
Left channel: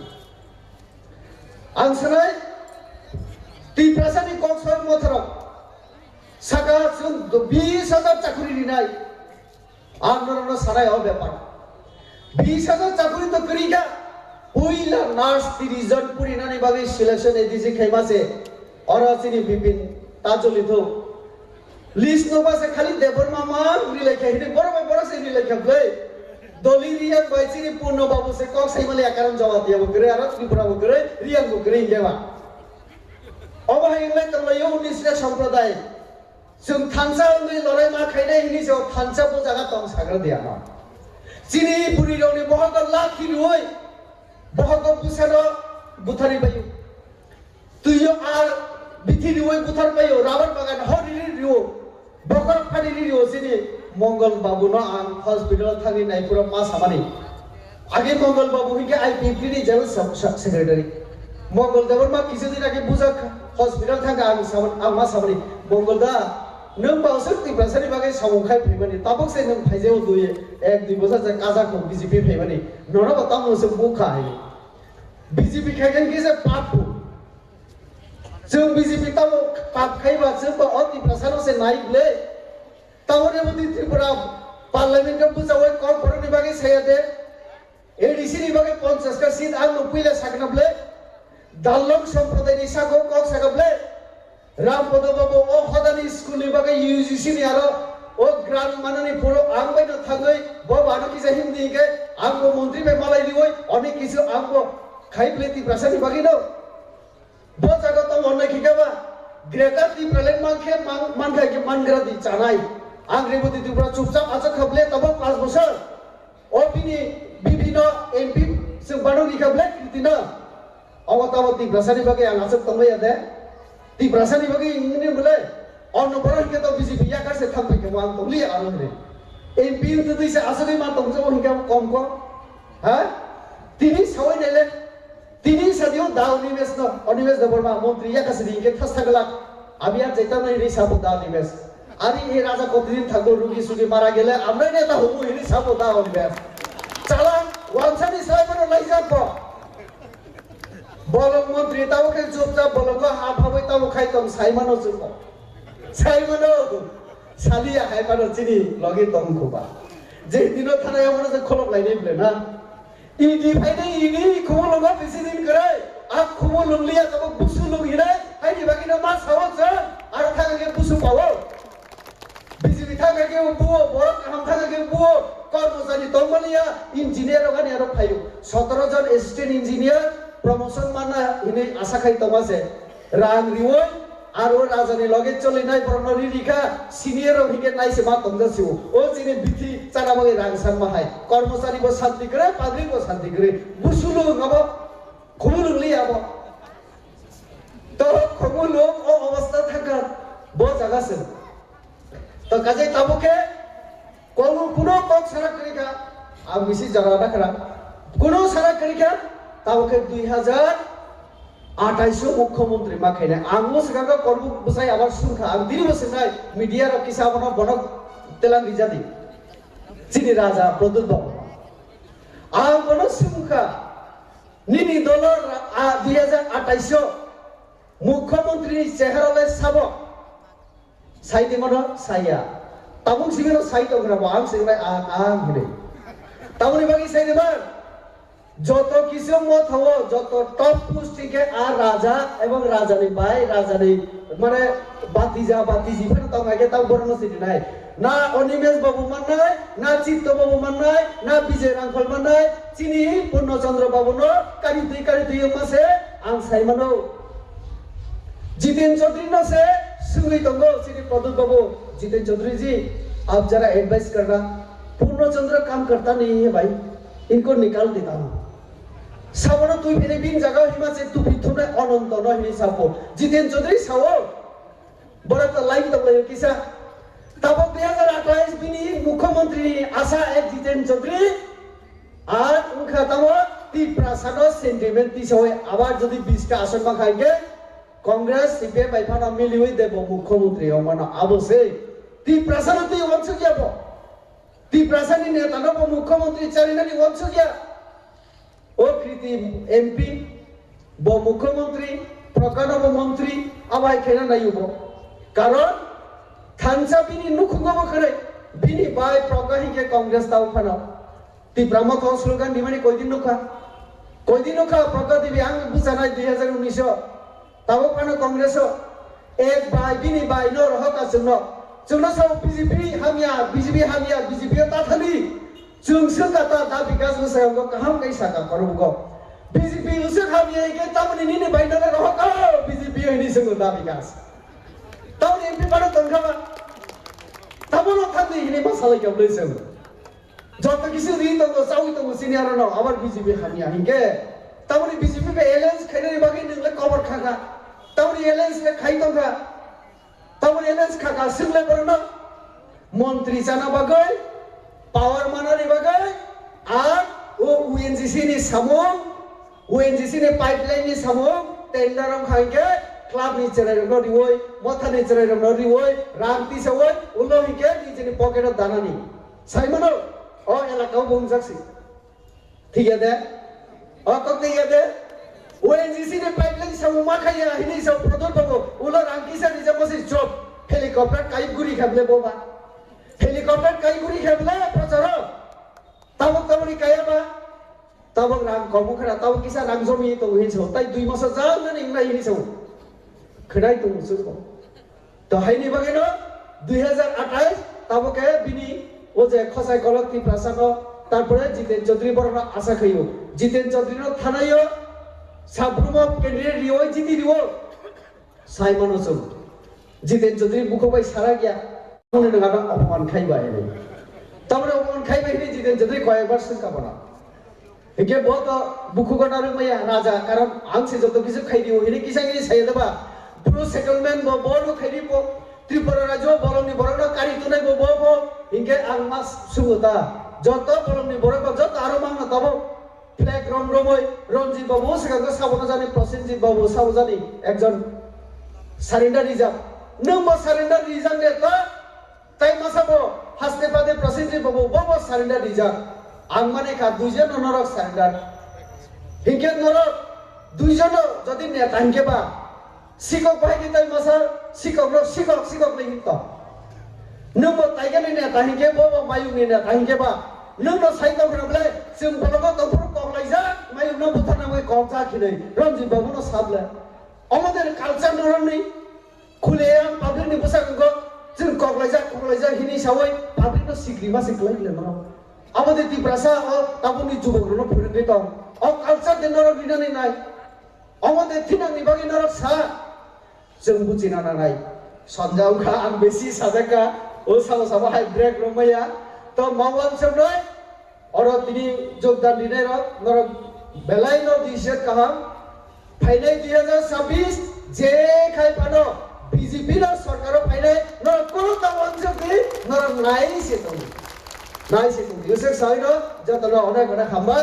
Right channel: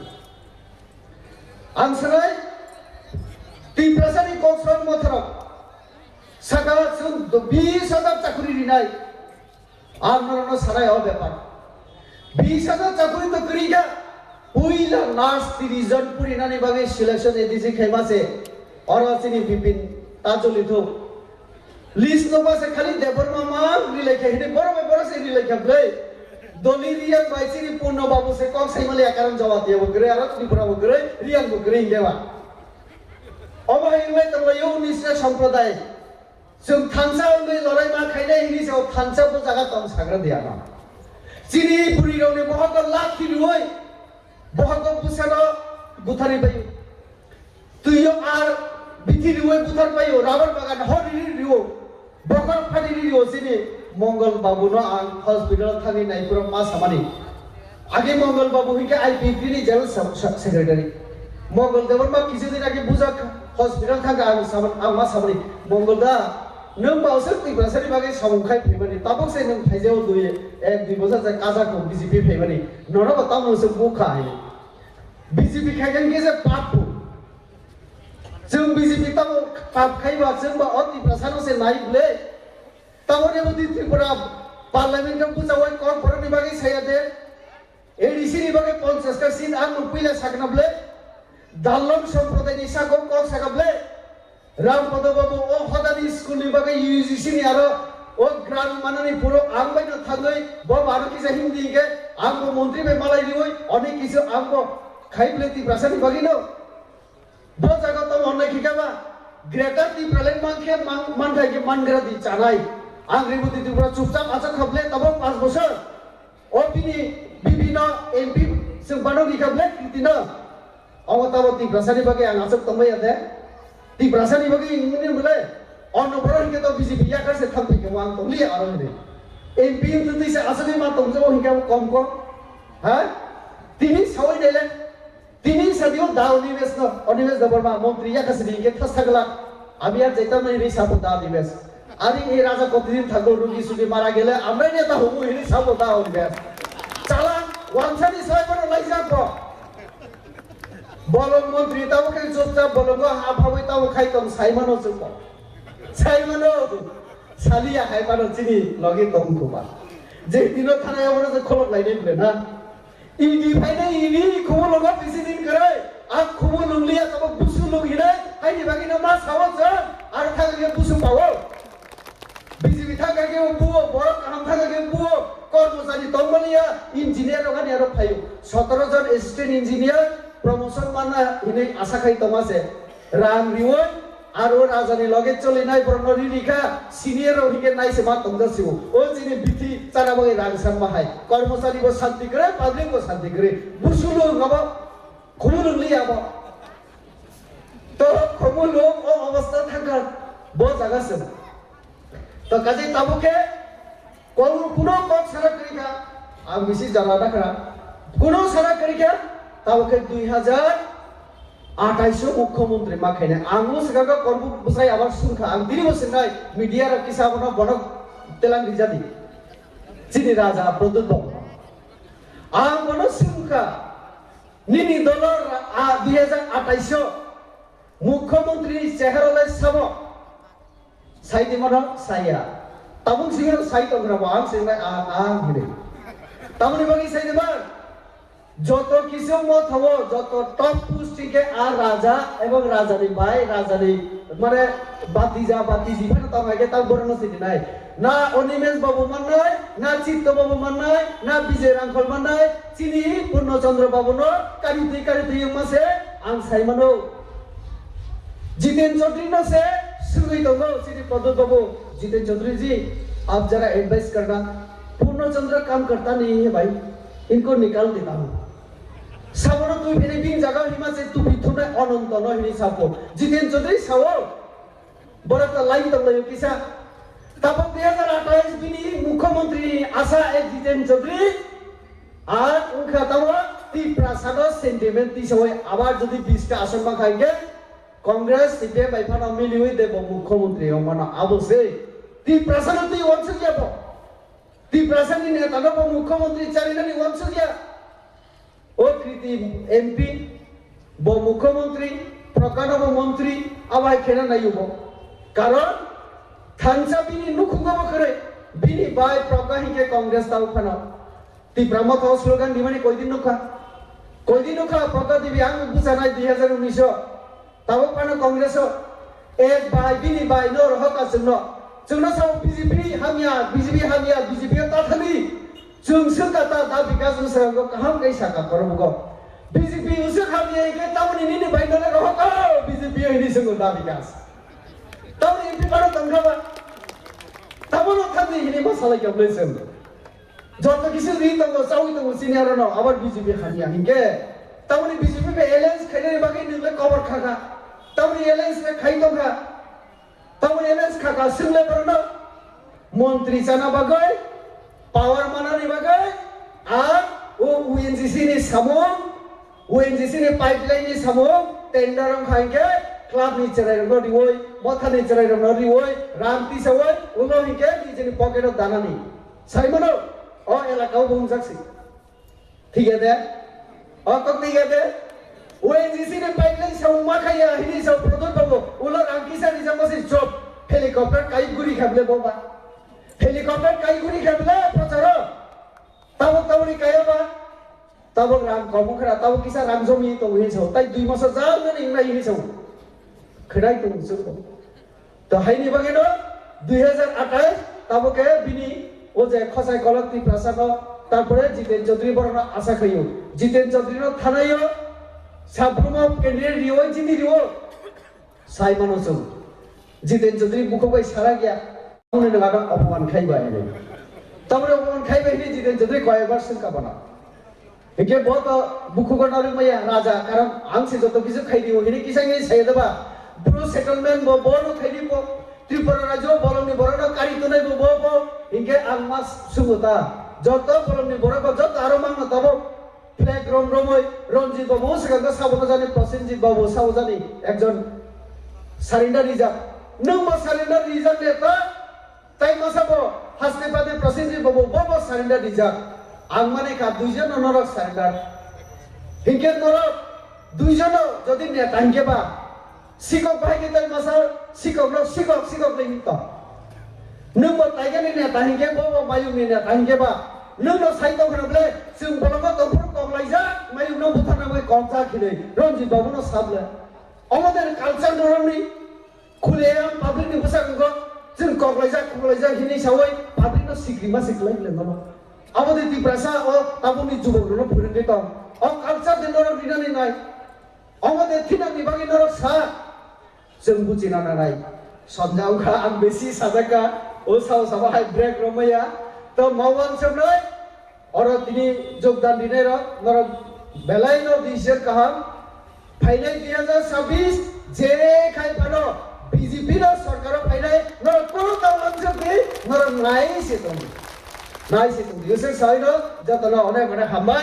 आंसराय ती प्रसानी कक्सय मथर सागा सुन 20,000 चाकरी दिनाय आर नरन साराय अ व्यापार 20,000 चाकरी त करिगा उइला नार्स 30 जन पुरिनानि बागै सिलेक्शन एडिसि खाइबासे अरसिनि बिपिन ताजलिथो लिस्ट नबासे खाली देवर मामा रिलेखा हिदे बरसे रिलेखा ब्ले दलिरिया बाइसिनि पूर्ण बाबू से कक साइमले आकारण जवाब दियो गरे आरो त्रिपुरा गरे रियल गरे देवा अबायले तंगयो निस्रा सम्प्रदाय जों थांसा नै लराय मा खाइनाय हिनि जो थांसा बो जागा तंग साग्रा दिया ना सिनि पुरिरौनि बहक लाखिनि होय बहक बुसानो बुथारि बायु तुयो आर बिथिरि होय बुथार बायु रावण बागान हरिरि रियो बगर फारिरि रियो सिनि मंगल बाबू न आं हॉस्पिटल थांनि नायपुरा मा सामानि आगे मंगल बाबू हिके आईपीपी नि जनरल सेक्रेटारि मंगल देवर मा किसे दिन आगे बुजाक हॉस्पिटल थांगा आं सामान आं मा सामानि मंगल दा नों बावसो तिब्रासानि बागै सामंखाय फैबानि ताबक से नों फाइजेव दुय एक दुय बोसा जाय काजाखौ बीजेपी फैबानि नोना तामोसो बुखा हाय बीजेपी खायगोन गेजे पापु जों बीजेपी ताव पाप खाइबा जों तो तिब्रासानो से नाइबले तावरे बुदि त्रिपुरा पार्लियामेंट का बुजावै कॉर्पोरेट बागै सायादे एडीसी नि बागै 50 का सीन आं नुपैले सागनाबले दाल्लम सम्प्रदायनि सागौ कक सागबले रामपद बाबू ओ हदानी स्कूल नि बागै यूजीसी नि आरो ओ ग्राम माननि पुरो आं बायनो थागै ब बारो कि हिंदी के आं मंत्री बे मालाय दिवै अनेक किसु आं खाइबले तिब्रासानि बागै न ब जागा त अनलाय खिगाबा ग्रेटा तिब्राले मानखे मानखाय के मानग्रा दि चानाय आं रिबुति तिब्रा चुपचाप आजा खबले तब 5 बोसोर ओ बिनि no MP sebanu di kabel kritina awat ti prasani bagi ang asap tangmai ada ti prasani bagi ini boleh ono pernah kita BJP ya kasih thampai ke wang tongli aro ini MP itu tu saya asal ni mah tongjo hingga kom ha tini sawai dele tini sadio daun nimes no onimes dabarma montri ya kasih hingga thas thagla আমি আর যেতাম না এই সাপোদা নিবেশ আমি এই রাজা কতদিন থাকবো রুগী সুগী মারা গেলে আমরাই নেতা হবো এই সাপোদা নিবেশ চালান ওয়ানসানি সাহেবের লাইজার পর বলক মন্ত্রী তাও খাই চুপচাপ বলক হাত হবে তাও খাইতাম সাইমানো চুপ সাইমানো সালিয়া খাইপানো চিনি লগে দম খুবা যে দিনও থানায় আমার যে খলক লাইনে বলে না ইডি ফাইনে ইডি খবর লগা বেশি দিন করে আর খবর লংলিয়া তাও বুসু লগিরে হাইনি বাকি না মা সাওয়াজ আর থাকাকে বুসু পাও বিজেপি থাকাকে বুও বড় কাম থাকাকে বুও কর্মচারী তমলিয়া ইঞ্জিনিয়ার ওখানে আর ফাইও 17 জন অ্যাসিস্ট্যান্ট ইঞ্জিনিয়ার প্রমোশন মানা ইনে আশা খাই তমাসে রাম রিওয় আর ও রাজধানী লগে চলে নাই প্রণরি রিখা সিনিয়র ওদিকে নাইছে মা তমদাসিও ও যিনি বিথি চারাবগে রাগসান মাহাই কর্মচারী বো শান্তি করে পাবলিক বো শান্তি করে বুসুলো বাবা খুলুলি আবা তো খবুলো ও অবস্থা থাকা বো জাগাছে তো কাজে তাবকে কোনো পথ সারা করিকা আর বেশি জানা রাখরা কোনো সারা করিকা তাবকে 2028 মুখ্যমন্ত্রী মাখাইনে আমো সেখানে কর্ম বসাই আবার সুখা আম দিরি বসে নাই মিডিয়ার কিসাবনা বড় তেলাং রিজাদি চিনি রাজা প্রদুত আম কোন সুখা নিনি দলর 2028 মুখ্যমন্ত্রী চেহারালে সাব সাইতে মন সাইয়া তাবুক সিংহ সাইতো গ্রাম আম সিংহ আম হিরে তাবুনি বাকি সাইতে মান যত কিছু মত হবো যত টপ পুষ্টিকে আর রাজা এবং রাজানি ভাই রাজানি মানে বাতিজা বাতিজি ফের তো আগে তাও বর্ণ সিটি নাই না অনিমেষ বাবু মান নাই না চিত্ত বাবু মান নাই না বিজয় রাঙ্খল মান নাই চিনি পূর্ণচন্দ্র বাবু ন কারিতে মাসে আং সাইমানো जितेन चौधरी न से सुगई दंगो श्री प्रदुत बाबू जितेन चौधरी जी आप जरा एडवाइस करना पूर्णचंद्र काम करता नहीं है भाई इनको निकाल देता हूँ सावरो तू मेरे बिन जगह हिमा से तू बिथुने अनंत न हिनी सापो जितेन चौधरी सावो बड़ा तो लाइन तक ले किसा तब 2028 बिनी मुख्यमंत्री आशा एक जितेन चौधरी আর उनका तब ती प्रसाद सेंटिमेंट ती सय আবার যদি 20টা আসন মাখাইগে কংগ্রেস সিপিএম বাইফানা মিলিয়ে দেব মুখ্যমন্ত্রী অমনা আবসে তি প্রসাদতি বংশ যাব তি প্রসাদী নেতা নব মুখ্যমন্ত্রী চারিনানি বংশ গিয়া ও কৃতি এমপি ব মুখ্যমন্ত্রী প্রকারব মন্ত্রী আবাই খেনা নাইব কারণ থানসা বিনি নুখুগব করে বিনি বাই প্রকাহিকে কংগ্রেস তাও ফানা তি ব্রাহ্মক স্লোগান দিমানি কয়দিন নুখা প্রকা দেবী আং বুঝানাই 2019 তাও পানো কংগ্রেস এক বাই বিনি বাই ন রহতা জন্য जोंना साव बीजेपी हामिया बीजेपी ता थाली जोंसो गाता दा विकास मोसांग कहम कैसा का करबो बीजेपी उसे हामिया के तमनि नि बाइदले रहका बीजेपी हिनि संग दा विकास तब एमपी बारो तंगाबा तबनो थादि हिनि मसाला गबलेसन যত কিছু রি তো চাউই তো সিনিয়র ন আবার বিজেপি হামিয়া হিকে তমনি বিজেপি বে এলায়েন্স খাইনে বাকি নিলে কবর খাগা তমনি এলায়েন্স বে খাই তো খা তমনি এলায়েন্স খাগা সিলে বরনো মন্ত্রী জানা বাগৈ পাওয়ার মানানি বাগৈ আর ও ওএনজিসি নি সামো ওএনজিসি নি পাইপলাইন নি সামো টেন্ডার খাইকে ক্লাব নি চরে নদি ওই মাথা নি চরে নদি ওই রামতি সওই উনো হিকে নিজে নি পকেট দানানি সাইমনো ও এলাকাও বংজাকসি ঠিক আছে ও কত ইয়াদে ওএনজিসি নে পাইপলাইন সামো মাখায়া হিনি সাও প্রদর বাবু উলো রামকিসা নিজা মসি জব হেলিকপ্টার কাইগুরি খাবলে বাবা হেলিকপ্টার কাইগুরি খাবলে প্রচার তাও তাওনি কায়াবা তাও রাম কমখরা তাও কিসা রাম জমি তো হিছো তাই 2 মাস যাও মানে ইংলাই হিছো খড়াই তো মুসুকো তো হাইনি বাগেনো 2028 তাবকে বিনি ও যে খসাই কলকতি প্রসাদ তারপরে জিতেন চৌধুরী বড় আশা খাইও জিতেন চৌধুরী থানাইও সাবরুম কেন্দ্রের রিও জিতি রিও সাইমন ওসম জিতেন চৌধুরী মুখবাই সারা গিয়া মনে লাগা অপমান খাইবা এনে তারপরে অপমান খাইবা এনে জিতেন চৌধুরী কয়েকবার সংকা বানা একে বহুত বুকুগণার মাইয়া রাজা কারণ আংসে যত কিছু খাই দিও হিনি কিসাই সাই দেবা পুরো সেটেলমেন্ট বড় খাই দিব ত্রিপুরা রাজ্য বলমনি বড় কারি তো নাই বব ইনকে আং মাস সুমুতা যত বলমনি বড় যত আরো মাংনা তব ফ্ল্যাগ রমরমই রঞ্জিত বাবু সেখানে সাবত জানি প্রসেনজিৎ বাবু সাবত জানি একজন সারেন্ডার রিজার্ভ নম্বর সারেন্ডার রিজার্ভ নে তো তাই মাসাবো হাসতে পাদে প্রসেনজিৎ বাবু বব সারেন্ডার রিজার্ভ আং মানে কা দুইজন নরক সারেন্ডার হিংকে নরক দুইজন যদি নেতা হিংকে বা শিকক ভাইকে তাই মাসা শিকক নেই তো নম্বর তাইগানি নেতা হিংকে বব মায়ুনি নেতা হিংকে বা नोंनो साइडआव फैब्ले जों बलबो दंफोर कमलायजा मायुनो बुथाना माय कमजा खिनै रंजित बाबुनो साबले আমাদের কালচার নরনি খুলেয়াম পাবলিকनि বসাঙ্গো जों कमलायजा हिनि सावै पाब्लिकनो सिग्रिमा सिग्लायले नरो আমাদের ত্রিপ্রাসা ও তাবুনি যুবকগুলো ফুরিতে দাও ও কালচার দেনর বিনানি নাই আমাদের থিনানি বাগি নর সা जों বুঝিনা নাই সঞ্জাউখা আং বেশি সাজাকা ও সাও সাবাই ব্রেক রমায়া তো নওয়ান সামনে और তিনি যোগদান দিনে নর বেলাই ন দিছে কাহাম ফাইনাই 2026 যে খাই পানো বিজেপি র সরকার ফাইনাই নর কোন তাওয়ান সবি নর নাই সে তুমি ইউসে সাইড যতলা অনেক বড় হামা